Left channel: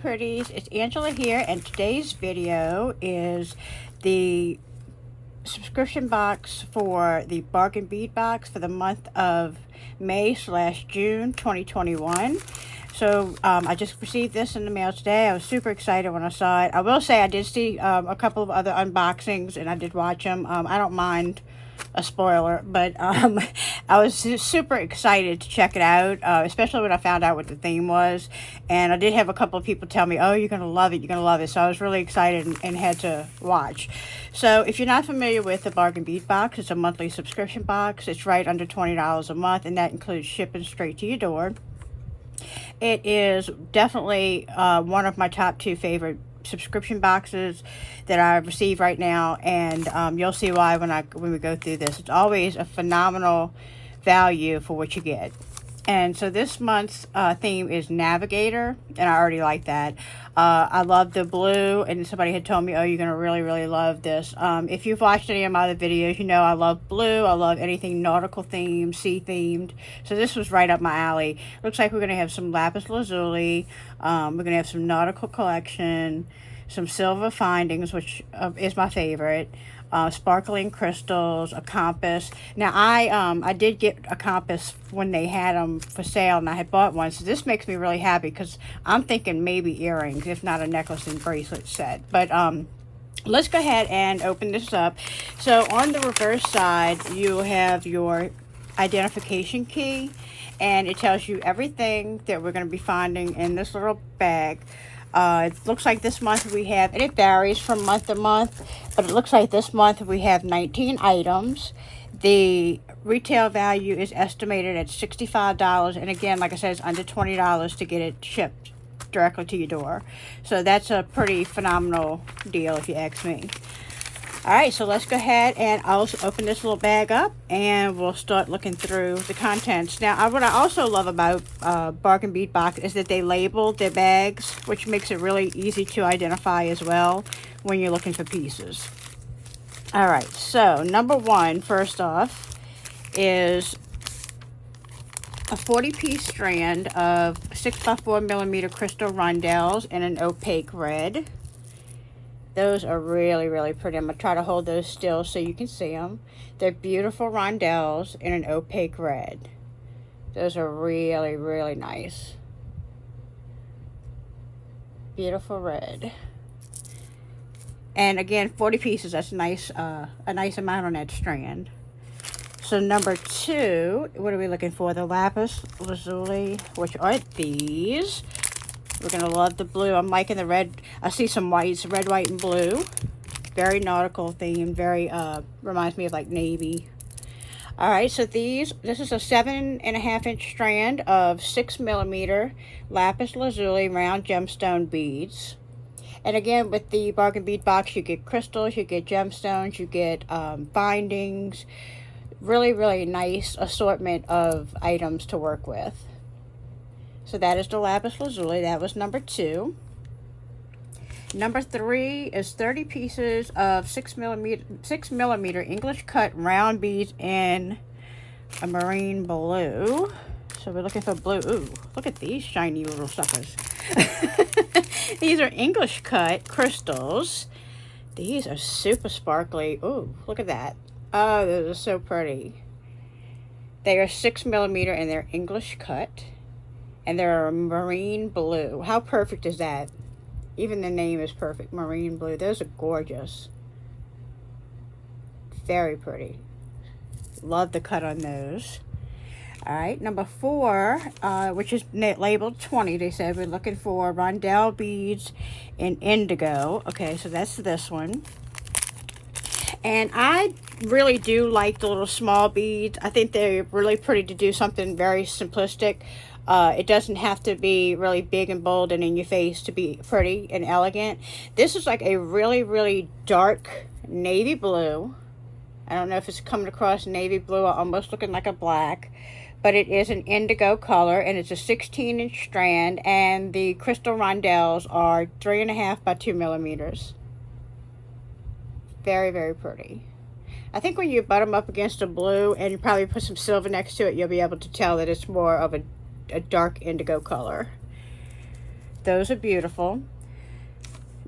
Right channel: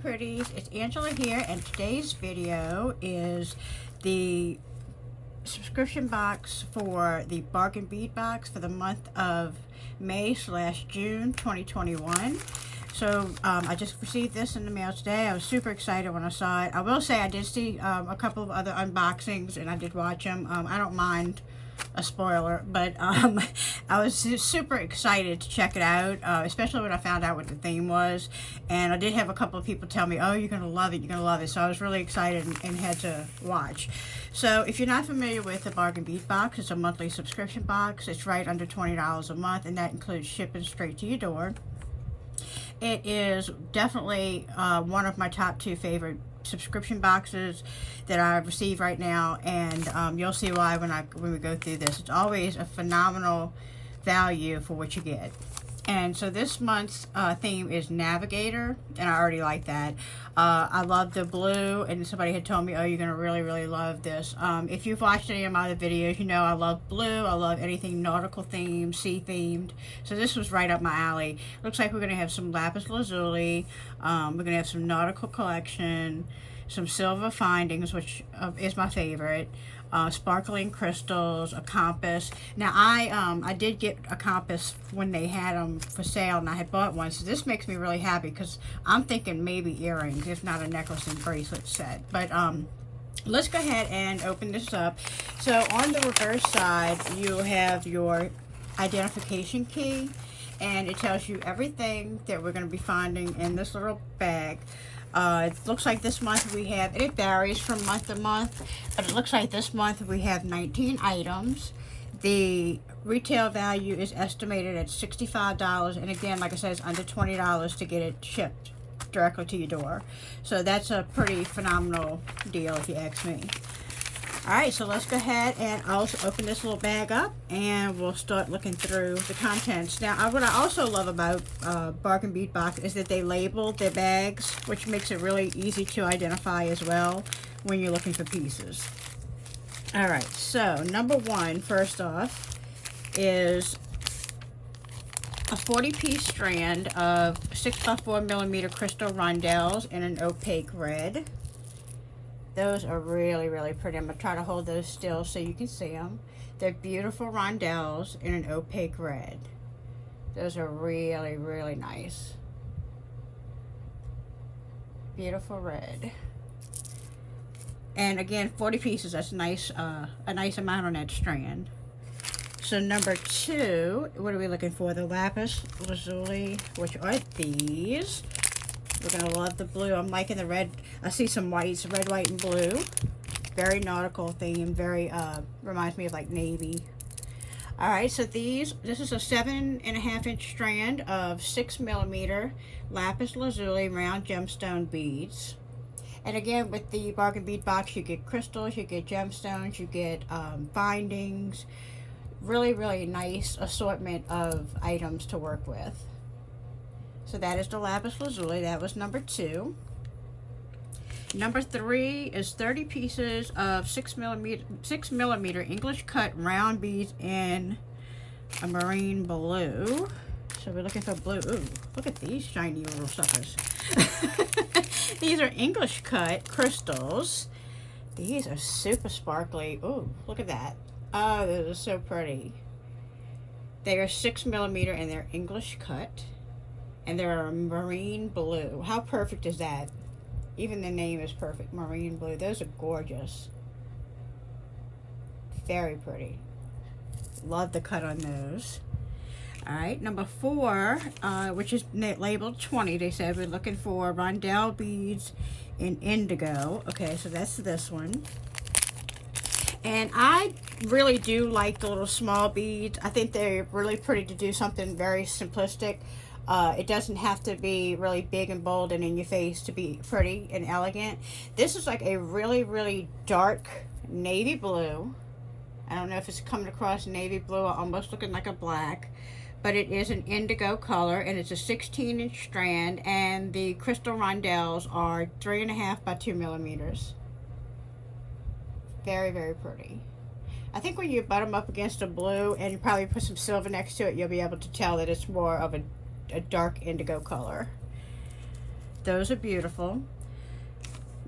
Pretties, it's Angela here, and today's video is the subscription box for the bargain bead box for the month of May/June 2021. So I just received this in the mail today. I was super excited when I saw it. I will say I did see a couple of other unboxings and I did watch them. I don't mind a spoiler, but I was super excited to check it out, especially when I found out what the theme was. And I did have a couple of people tell me, oh, you're gonna love it, you're gonna love it. So I was really excited and had to watch. So if you're not familiar with the bargain bead box, it's a monthly subscription box. It's right under $20 a month, and that includes shipping straight to your door. It is definitely one of my top 2 favorite subscription boxes that I receive right now, and you'll see why when we go through this. It's always a phenomenal value for what you get. And so this month's theme is Navigator, and I already like that. I love the blue, and somebody had told me, oh, you're gonna really love this. If you've watched any of my other videos, you know I love blue. I love anything nautical themed, sea themed. So this was right up my alley. Looks like we're gonna have some lapis lazuli. We're gonna have some nautical collection, some silver findings, which is my favorite. Sparkling crystals, a compass. Now I did get a compass when they had them for sale, and I had bought one, so this makes me really happy because I'm thinking maybe earrings, if not a necklace and bracelet set. But let's go ahead and open this up. So on the reverse side you have your identification key, and it tells you everything that we're going to be finding in this little bag. It looks like this month we have, and it varies from month to month, but it looks like this month we have 19 items. The retail value is estimated at $65, and again, like I said, it's under $20 to get it shipped directly to your door. So that's a pretty phenomenal deal if you ask me. Alright, so let's go ahead and I'll open this little bag up and we'll start looking through the contents. Now, what I also love about bargain bead box is that they label their bags, which makes it really easy to identify as well when you're looking for pieces. Alright, so number 1, first off, is a 40-piece strand of 6x4mm crystal rondelles in an opaque red. Those are really pretty. I'm going to try to hold those still so you can see them. They're beautiful rondelles in an opaque red. Those are really nice. Beautiful red. And again, 40 pieces, that's nice, a nice amount on that strand. So number 2, what are we looking for? The lapis lazuli, which are these. We're going to love the blue. I'm liking the red. I see some whites, red, white, and blue. Very nautical theme. Very, reminds me of like navy. Alright, so this is a 7.5-inch strand of 6mm lapis lazuli round gemstone beads. And again, with the bargain bead box, you get crystals, you get gemstones, you get bindings. Really nice assortment of items to work with. So that is the lapis lazuli. That was number 2. Number 3 is 30 pieces of 6mm English cut round beads in a marine blue. So we're looking for blue. Ooh, look at these shiny little suckers. These are English cut crystals. These are super sparkly. Ooh, look at that. Oh, those are so pretty. They are 6mm and they're English cut. And they're a marine blue. How perfect is that? Even the name is perfect. Marine blue. Those are gorgeous. Very pretty. Love the cut on those. Alright, number 4, which is labeled 20. They said we're looking for rondelle beads in indigo. Okay, so that's this one. And I really do like the little small beads. I think they're really pretty to do something very simplistic. It doesn't have to be really big and bold and in your face to be pretty and elegant. This is like a really dark navy blue. I don't know if it's coming across navy blue or almost looking like a black. But it is an indigo color, and it's a 16-inch strand, and the crystal rondelles are 3.5 by 2mm. Very pretty. I think when you butt them up against a blue and you probably put some silver next to it, you'll be able to tell that it's more of a dark indigo color. Those are beautiful.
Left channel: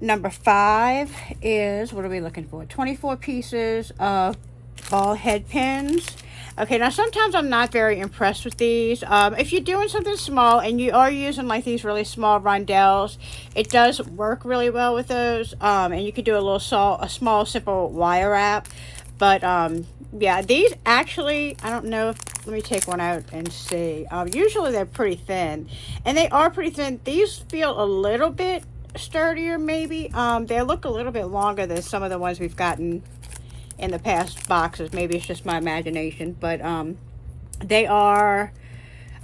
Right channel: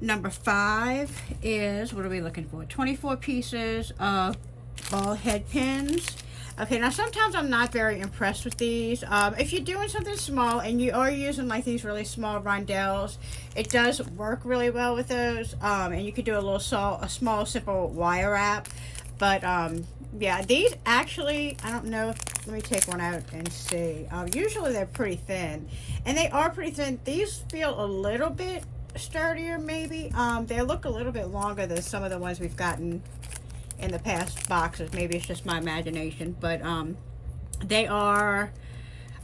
Number 5 is, what are we looking for? 24 pieces of ball head pins. Okay, now sometimes I'm not very impressed with these. If you're doing something small and you are using like these really small rondelles, it does work really well with those. And you could do a small simple wire wrap. But yeah, these actually, I don't know if, let me take one out and see. Usually they're pretty thin, and they are pretty thin. These feel a little bit sturdier maybe. They look a little bit longer than some of the ones we've gotten in the past boxes. Maybe it's just my imagination, but they are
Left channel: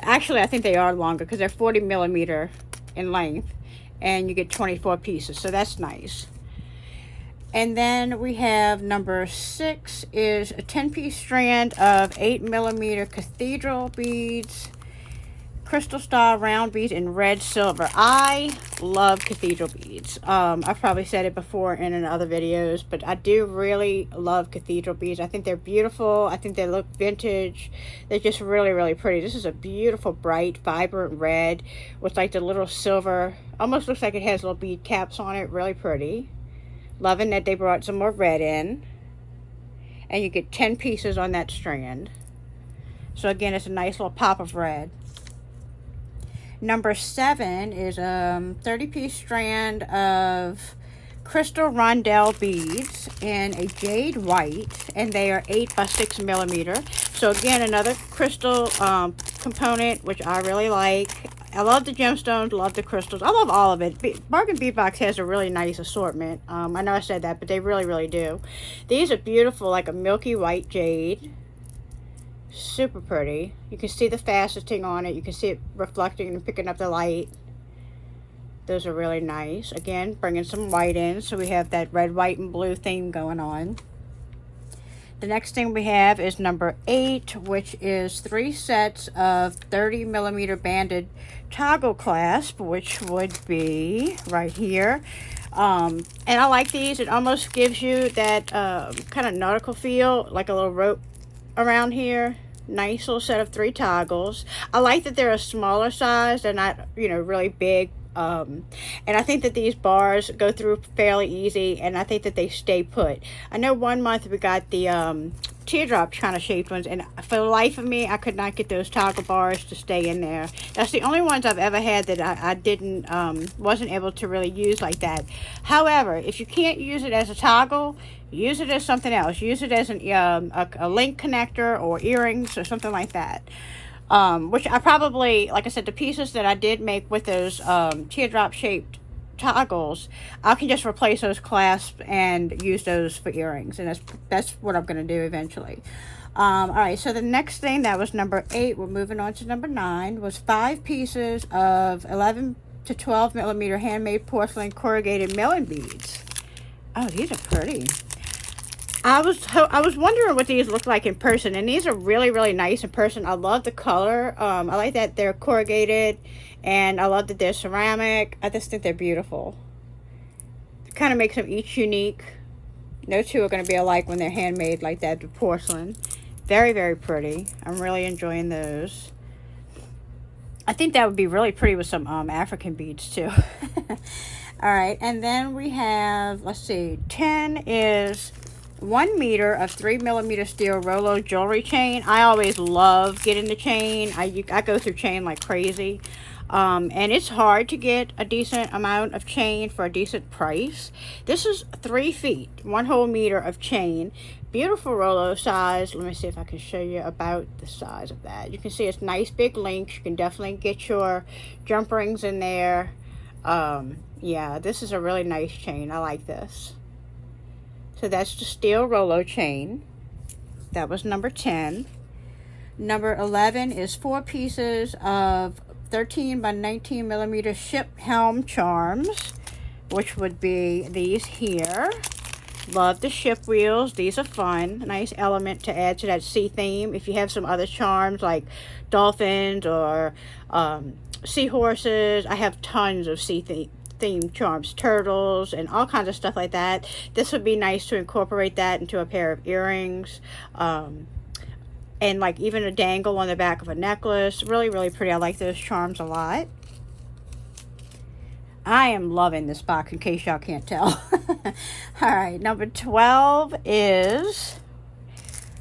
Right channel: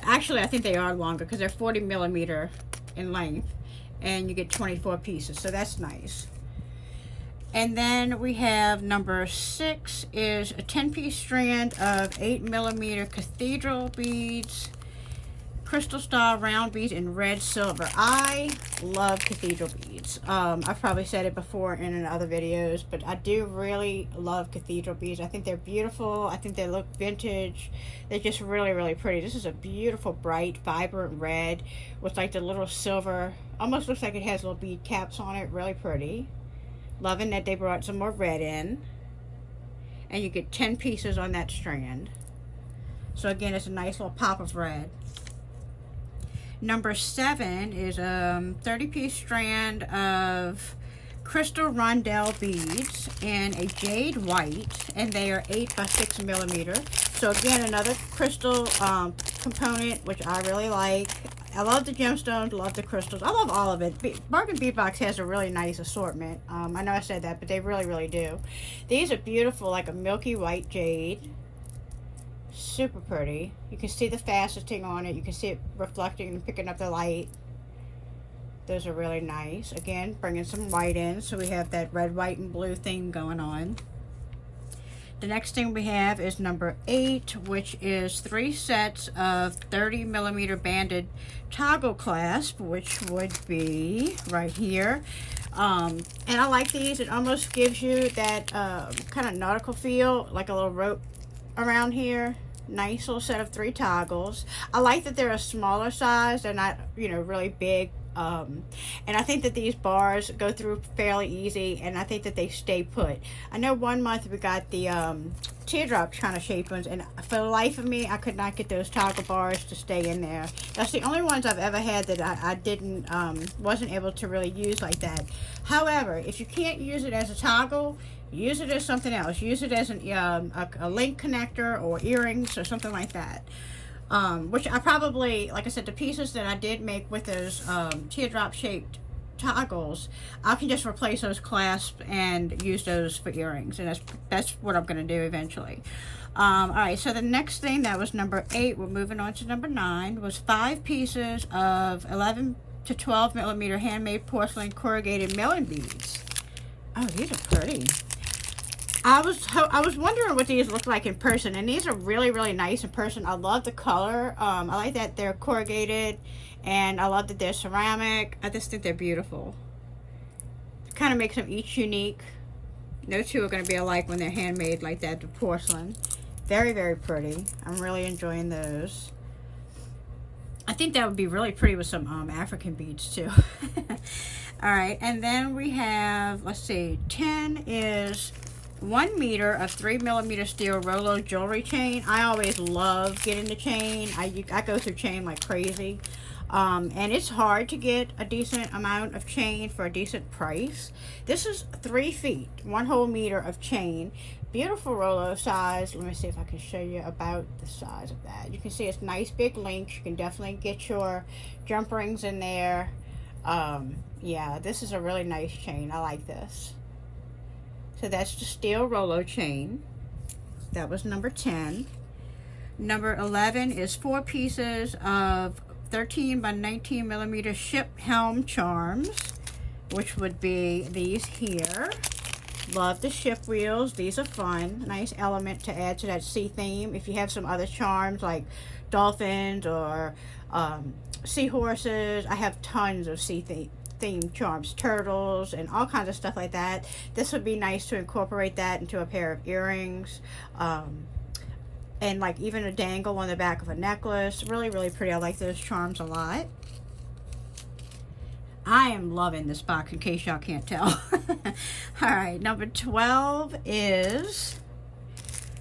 actually, I think they are longer because they're 40 millimeter in length, and you get 24 pieces, so that's nice. And then we have number 6 is a 10-piece strand of 8 millimeter cathedral beads, crystal style round beads in red silver. I love cathedral beads. I've probably said it before in other videos, but I do really love cathedral beads. I think they're beautiful. I think they look vintage. They're just really, really pretty. This is a beautiful, bright, vibrant red with like the little silver, almost looks like it has little bead caps on it. Really pretty. Loving that they brought some more red in. And you get 10 pieces on that strand. So again, it's a nice little pop of red. Number 7 is a 30-piece strand of crystal rondelle beads in a jade white, and they are 8 by 6 millimeter. So again, another crystal component, which I really like. I love the gemstones, love the crystals. I love all of it. Bargain Bead Box has a really nice assortment. I know I said that, but they really, really do. These are beautiful, like a milky white jade. Super pretty. You can see the faceting on it. You can see it reflecting and picking up the light. Those are really nice. Again, bringing some white in, so we have that red, white, and blue theme going on. The next thing we have is number 8, which is 3 sets of 30 millimeter banded toggle clasp, which would be right here. And I like these. It almost gives you that kind of nautical feel, like a little rope around here. Nice little set of 3 toggles. I like that they're a smaller size. They're not, you know, really big. And I think that these bars go through fairly easy, and I think that they stay put. I know one month we got the teardrop kind of shaped ones, and for the life of me, I could not get those toggle bars to stay in there. That's the only ones I've ever had that I wasn't able to really use like that. However, if you can't use it as a toggle, use it as something else. Use it as a link connector or earrings or something like that. Which I probably, like I said, the pieces that I did make with those teardrop shaped toggles, I can just replace those clasps and use those for earrings, and that's what I'm going to do eventually. All right, so the next thing, that was number 8. We're moving on to number 9, was 5 pieces of 11 to 12 millimeter handmade porcelain corrugated milling beads. Oh, these are pretty. I was wondering what these look like in person, and these are really, really nice in person. I love the color. I like that they're corrugated, and I love that they're ceramic. I just think they're beautiful. It kind of makes them each unique. No two are going to be alike when they're handmade like that, the porcelain. Very, very pretty. I'm really enjoying those. I think that would be really pretty with some African beads too. All right, and then we have, let's see, 10 is 1 meter of 3 millimeter steel Rolo jewelry chain. I always love getting the chain. I go through chain like crazy. And it's hard to get a decent amount of chain for a decent price. This is 3 feet, 1 whole meter of chain. Beautiful Rolo size. Let me see if I can show you about the size of that. You can see it's nice big links. You can definitely get your jump rings in there. Yeah, this is a really nice chain. I like this. So that's the steel Rolo chain. That was number 10. Number 11 is 4 pieces of 13 by 19 millimeter ship helm charms, which would be these here. Love the ship wheels. These are fun. Nice element to add to that sea theme. If you have some other charms like dolphins or seahorses, I have tons of sea theme charms, turtles, and all kinds of stuff like that. This would be nice to incorporate that into a pair of earrings, and like even a dangle on the back of a necklace. Really, really pretty. I like those charms a lot. I am loving this box, in case y'all can't tell. All right, number 12 is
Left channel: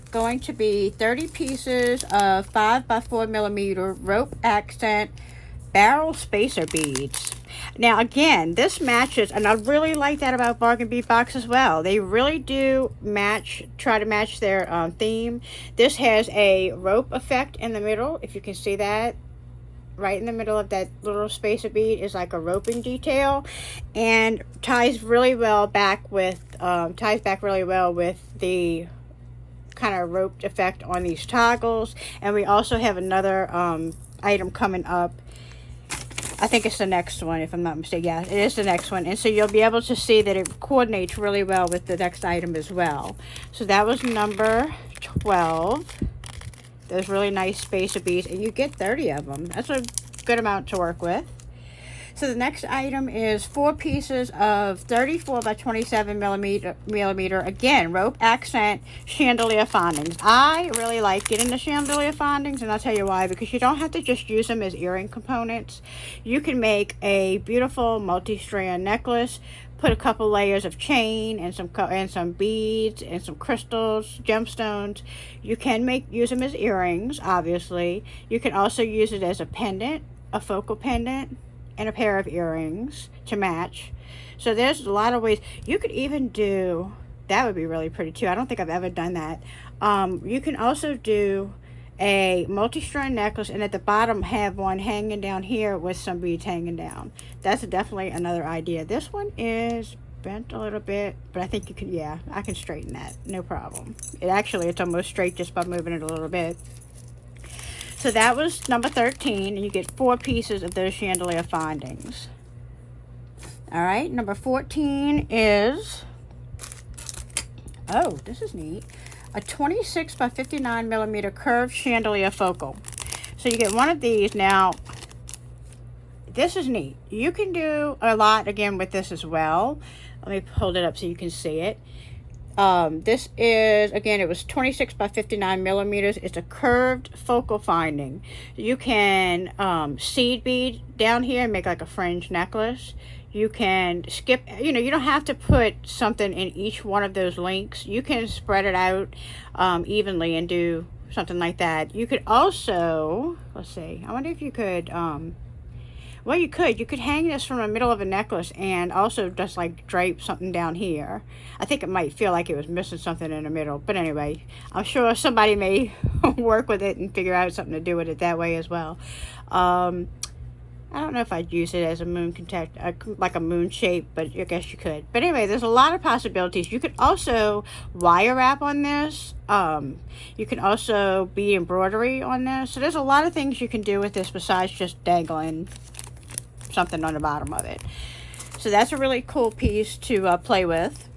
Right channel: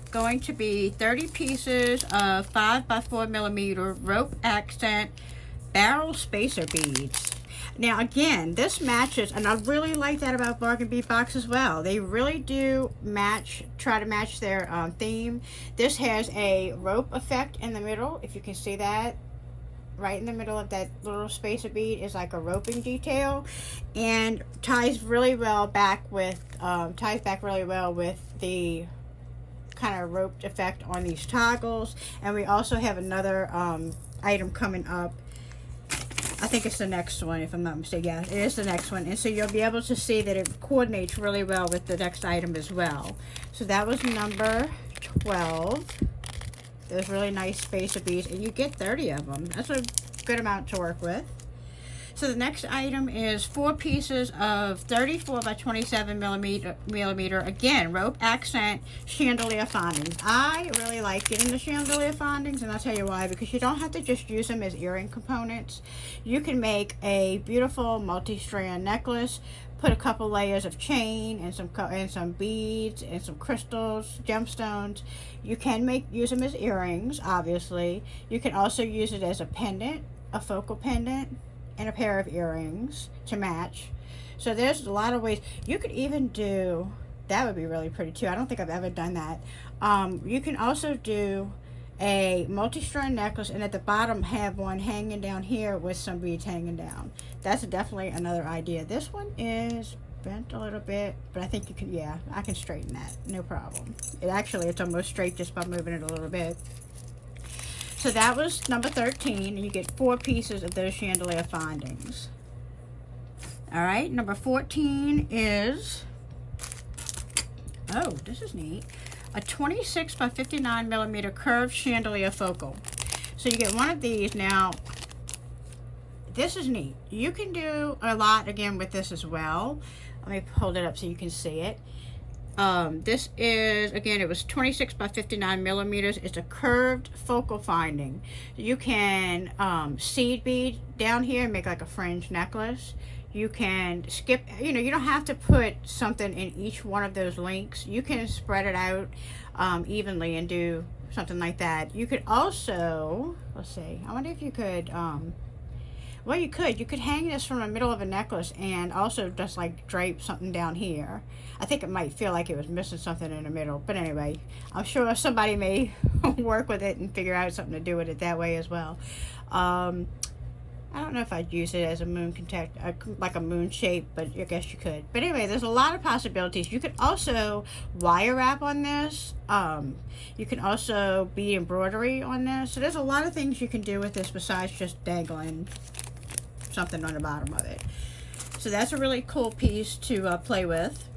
going to be 30 pieces of 5x4mm rope accent barrel spacer beads. Now again, this matches, and I really like that about bargain bead box as well. They really do try to match their theme. This has a rope effect in the middle, if you can see that. Right in the middle of that little spacer bead is like a roping detail, and ties really well back with really well with the kind of roped effect on these toggles. And we also have another item coming up. I think it's the next one, if I'm not mistaken. Yeah, it is the next one. And so you'll be able to see that it coordinates really well with the next item as well. So that was number 12. Those really nice spacer beads, and you get 30 of them. That's a good amount to work with. So the next item is 4 pieces of 34 by 27 millimeter, again, rope accent chandelier findings. I really like getting the chandelier findings, and I'll tell you why. Because you don't have to just use them as earring components. You can make a beautiful multi-strand necklace, put a couple layers of chain and some beads and some crystals, gemstones. You can use them as earrings, obviously. You can also use it as a pendant, a focal pendant, and a pair of earrings to match. So there's a lot of ways. You could even do, that would be really pretty too. I don't think I've ever done that. You can also do a multi-strand necklace, and at the bottom have one hanging down here with some beads hanging down. That's definitely another idea. This one is bent a little bit, but I think you can, yeah, I can straighten that, no problem. It's almost straight just by moving it a little bit. So that was number 13, and you get 4 pieces of those chandelier findings. All right, number 14 is, oh, this is neat, a 26 by 59 millimeter curved chandelier focal. So you get one of these. Now, this is neat. You can do a lot again with this as well. Let me hold it up so you can see it. This is, again, it was 26 by 59 millimeters. It's a curved focal finding. You can seed bead down here and make like a fringe necklace. You can skip, you don't have to put something in each one of those links. You can spread it out evenly and do something like that. You could also, let's see, I wonder if you could, well, you could hang this from the middle of a necklace and also just like drape something down here. I think it might feel like it was missing something in the middle, but anyway, I'm sure somebody may work with it and figure out something to do with it that way as well. I don't know if I'd use it as a moon contact, like a moon shape, but I guess you could. But anyway, there's a lot of possibilities. You could also wire wrap on this. You can also bead embroidery on this. So there's a lot of things you can do with this besides just dangling something on the bottom of it. So that's a really cool piece to play with.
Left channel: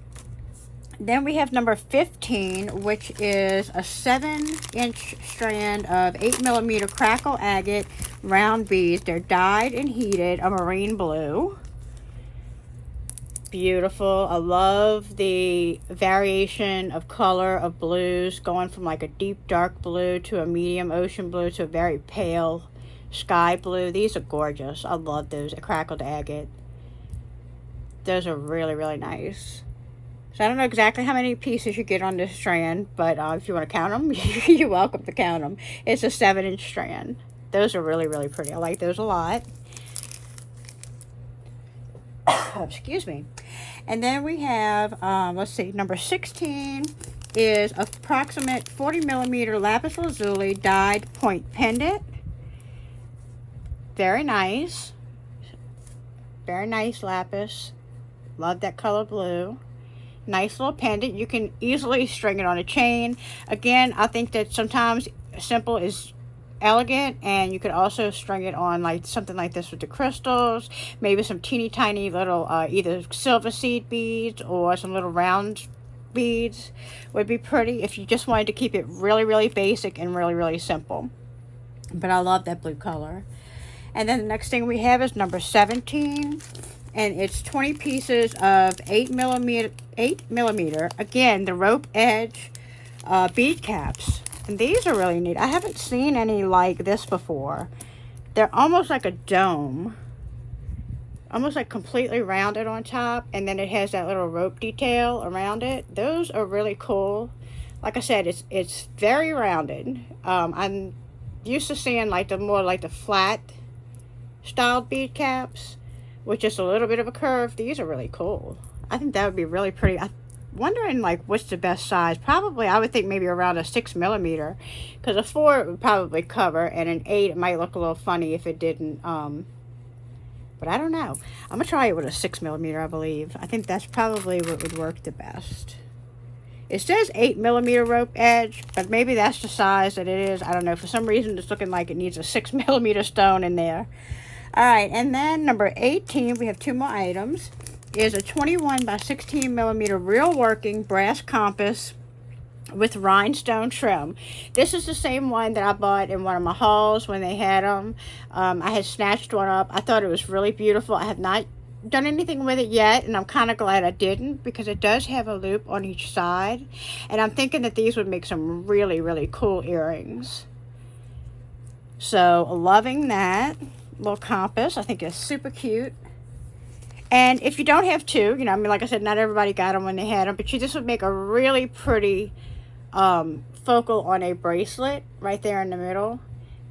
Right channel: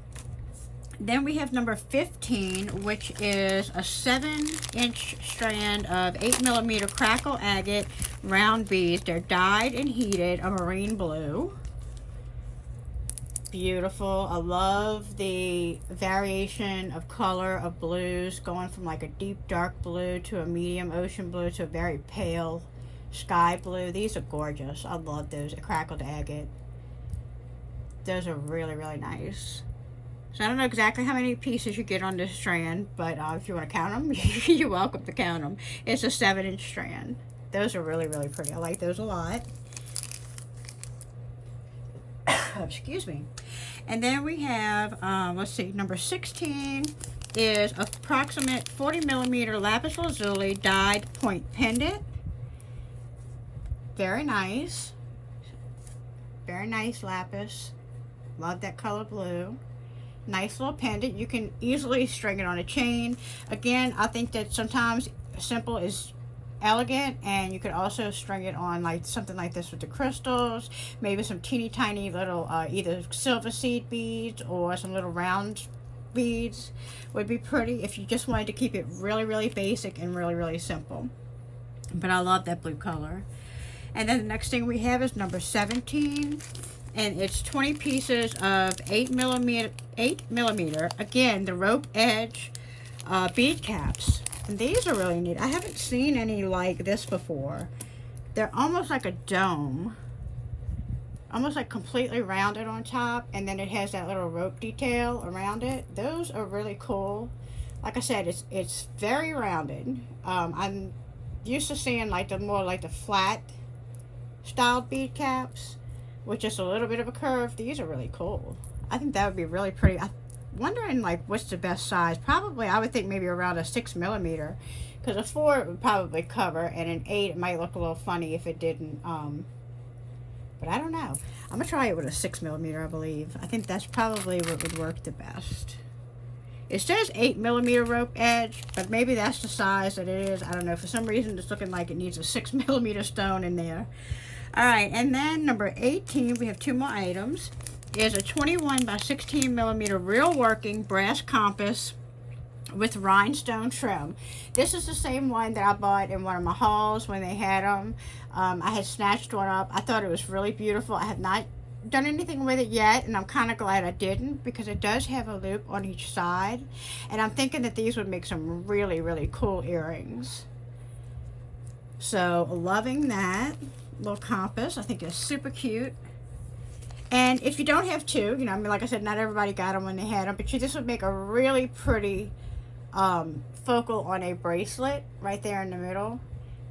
Then we have number 15, which is a 7-inch strand of 8 millimeter crackle agate round beads. They're dyed and heated a marine blue. Beautiful. I love the variation of color of blues, going from like a deep dark blue to a medium ocean blue to a very pale sky blue. These are gorgeous. I love those crackled agate. Those are really, really nice. So I don't know exactly how many pieces you get on this strand, but if you want to count them, you're welcome to count them. It's a 7-inch strand. Those are really, really pretty. I like those a lot. Excuse me. And then we have, let's see, number 16 is approximate 40 millimeter lapis lazuli dyed point pendant. Very nice. Very nice lapis. Love that color blue. Nice little pendant. You can easily string it on a chain. Again, I think that sometimes simple is elegant, and you could also string it on like something like this with the crystals, maybe some teeny tiny little either silver seed beads or some little round beads would be pretty if you just wanted to keep it really, really basic and really, really simple. But I love that blue color. And then the next thing we have is number 17, and it's 20 pieces of 8 millimeter, again, the rope edge bead caps. And these are really neat. I haven't seen any like this before. They're almost like a dome. almost like completely rounded on top, and then it has that little rope detail around it. Those are really cool. Like I said, it's very rounded. I'm used to seeing like the more like the flat styled bead caps with just a little bit of a curve. These are really cool. I think that would be really pretty. I'm wondering like what's the best size. Probably I would think maybe around a 6mm, because a 4 would probably cover, and an 8 it might look a little funny if it didn't. But I don't know. I'm gonna try it with a 6mm, I believe. I think that's probably what would work the best. It says 8mm rope edge, but maybe that's the size that it is. I don't know. For some reason, it's looking like it needs a 6mm stone in there. All right, and then number 18, we have 2 more items, is a 21 by 16mm real working brass compass with rhinestone trim. This is the same one that I bought in one of my hauls when they had them. I had snatched one up. I thought it was really beautiful. I have not done anything with it yet, and I'm kind of glad I didn't, because it does have a loop on each side, and I'm thinking that these would make some really, really cool earrings. So loving that little compass. I think it's super cute. And if you don't have 2, you know, I mean, like I said, not everybody got them when they had them, but this would make a really pretty focal on a bracelet right there in the middle,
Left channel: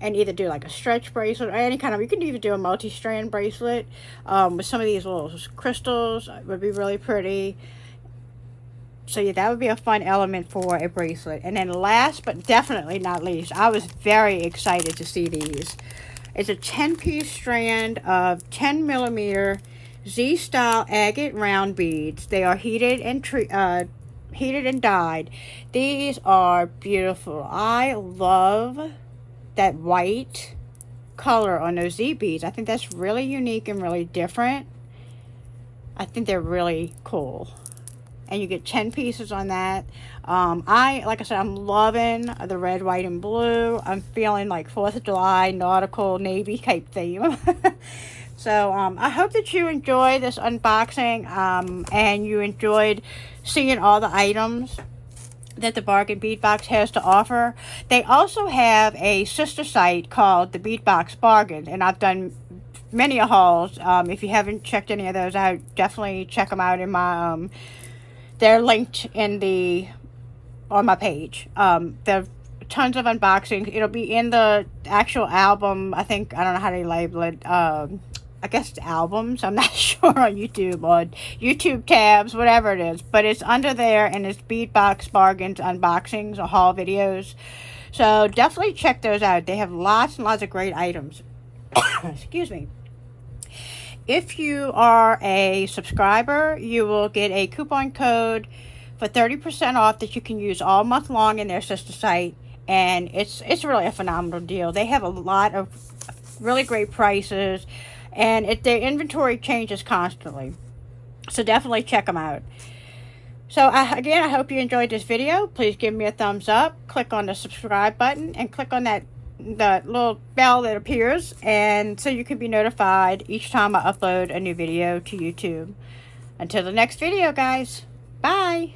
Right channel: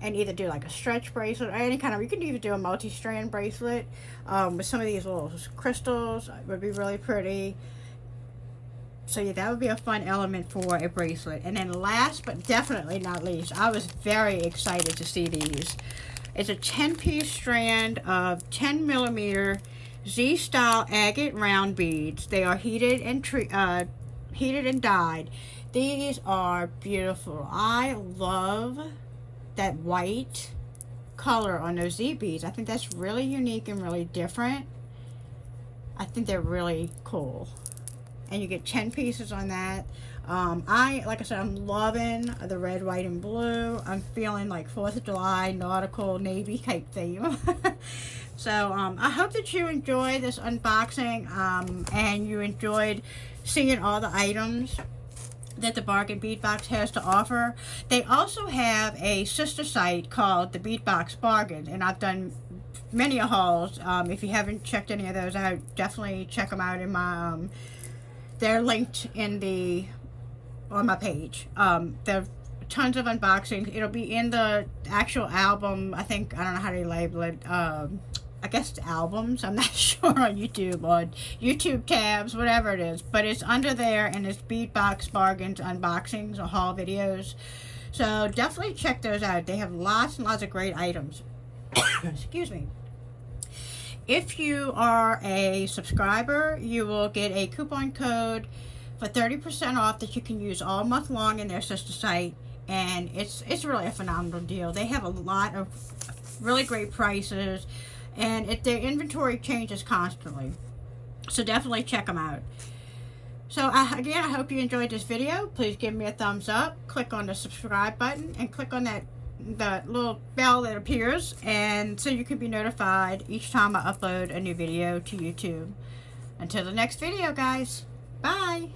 and either do like a stretch bracelet or any kind of, you can even do a multi-strand bracelet with some of these little crystals. It would be really pretty. So yeah, that would be a fun element for a bracelet. And then last but definitely not least, I was very excited to see these. It's a 10-piece strand of 10mm Z-style agate round beads. They are heated and dyed. These are beautiful. I love that white color on those Z beads. I think that's really unique and really different. I think they're really cool. And you get 10 pieces on that. Like I said, I'm loving the red, white, and blue. I'm feeling like 4th of July nautical navy type theme. So I hope that you enjoy this unboxing and you enjoyed seeing all the items that the Bargain Bead Box has to offer. They also have a sister site called the Bead Box Bargain, and I've done many hauls. If you haven't checked any of those out, definitely check them out in my they're linked in on my page. There are tons of unboxings. It'll be in the actual album. I think, I don't know how to label it. I guess it's albums. I'm not sure on YouTube, or YouTube tabs, whatever it is. But it's under there, and it's Bead Box Bargains unboxings or haul videos. So definitely check those out. They have lots and lots of great items. Excuse me. If you are a subscriber, you will get a coupon code for 30% off that you can use all month long in their sister site. And it's really a phenomenal deal. They have a lot of really great prices, and their inventory changes constantly. So definitely check them out. So again, I hope you enjoyed this video. Please give me a thumbs up. Click on the subscribe button and click on the little bell that appears, and so you can be notified each time I upload a new video to YouTube. Until the next video, guys. Bye.